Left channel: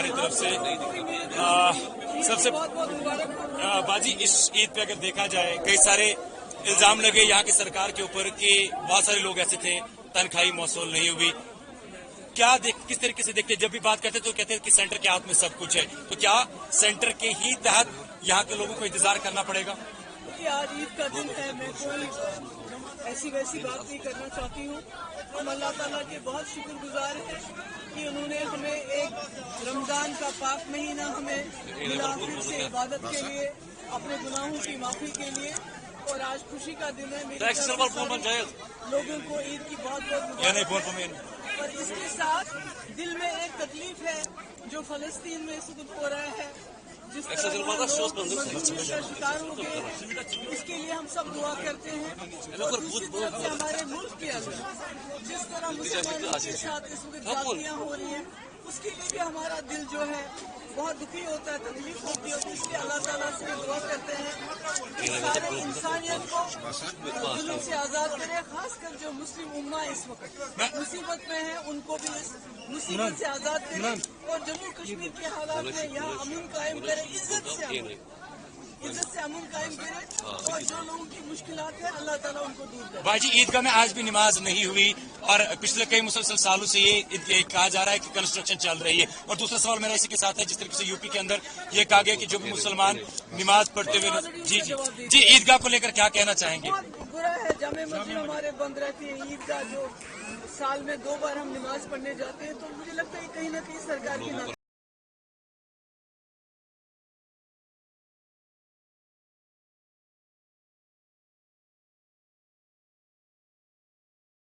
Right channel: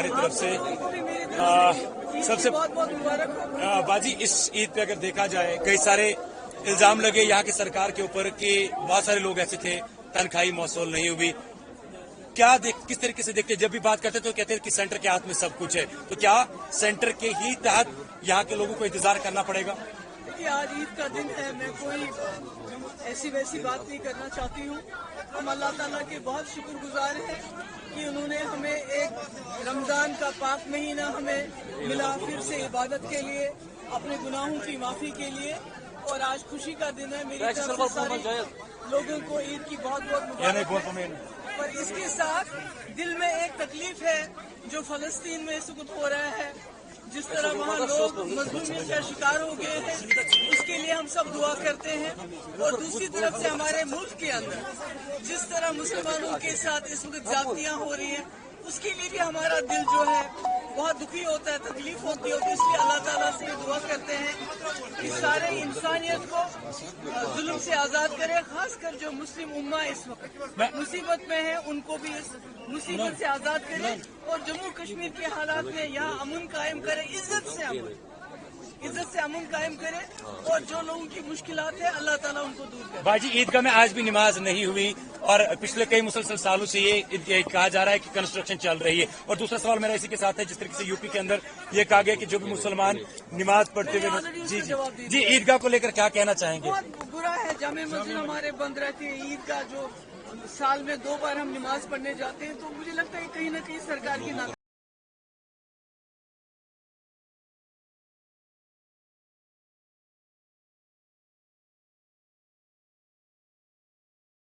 ہماری طرف سے سب سے باجی اس عید پہ اگر دیکھا جائے کئی سارے الزام لگے یہاں کی سرکار کے اوپر کہ بہت سارے لوگ ایسے تھے تنخواہی موصول نہیں ہوئی. کیا کس طریقے سے دیکھتے جب بھی بات کرتے تو کہتے ہیں کہ سینٹر کے ہاتھ میں سب کچھ ہے, تو کیا سینٹر کے ہی تحت یہاں کے لوگوں کو انتظار کرنا پڑے گا؟ آج عید کا دن ہے, میں کوئی ایسی ویسی بات نہیں کرنا چاہتی ہوں. ہم اللہ تعالیٰ کے بہت شکر گزار ہیں کہ انہوں نے ہمیں ایک رمضان کا پاک مہینہ ہمیں ملا پھر سے عبادت کے لیے, اپنے گناہوں کی معافی کے لیے, اور آج خوشی کا دن ہے. میری طرف سے لوگوں کو عید کی بہت بہت مبارک. اور اس کے ساتھ دل میں ایک تکلیف ہے جو فلسطین میں اس وقت ہو رہا ہے, جس طرح وہاں لوگ مظلومیت کا شکار ہو گئے ہیں, اس کے لیے ہم سب دعا کرتے ہیں. اور دوسری طرف سے ہمارے ملک کے اندر جس طرح مسلمانوں کے ساتھ اس وقت زیادتیاں ہو رہی ہیں, اس کے لیے بھی ہمارا دل جو ہے بہت دکھی ہوتا ہے, تکلیف ہوتی ہے. تو اس لیے اللہ تعالیٰ سے دعا کرتے ہیں کہ سارے انسانیت کو ظلم سے آزاد کرے, خاص کر جو مسلم امہ اس وقت مصیبت میں ہے ان کو بھی اس مصیبت سے آزاد کرے, اور جموں کشمیر کے حالات میں یہاں امن قائم کرے, عزت سے امن قائم کرے, اور جو لوگوں کی مشکلات ہیں اللہ تعالیٰ ان کو دور کرے. باجی عیدگاہ میں آج بھی نماز نہیں ہوئی اور پچھلے کئی مسلسل سالوں سے یہ کہا جا رہا ہے کہ کنسٹرکشن چل رہی ہے. اور دوسرا سوال میرا اسی کے ساتھ ہے, جس طریقے سے یو پی کے اندر یہ کہا گیا کہ جو بھی مسلمان نماز پڑھتے ہوئے جی عیدگاہ کو لے کر کیا کہنا چاہیں گے؟ بہت برا ہے, جامع مسجد ہمارے بند رہتے ہیں, عید کا جو سال میں 2 بار ہم نماز پڑھنے جاتے ہیں, تو مجھے لگتا ہے کہیں نہ کہیں سرکار کے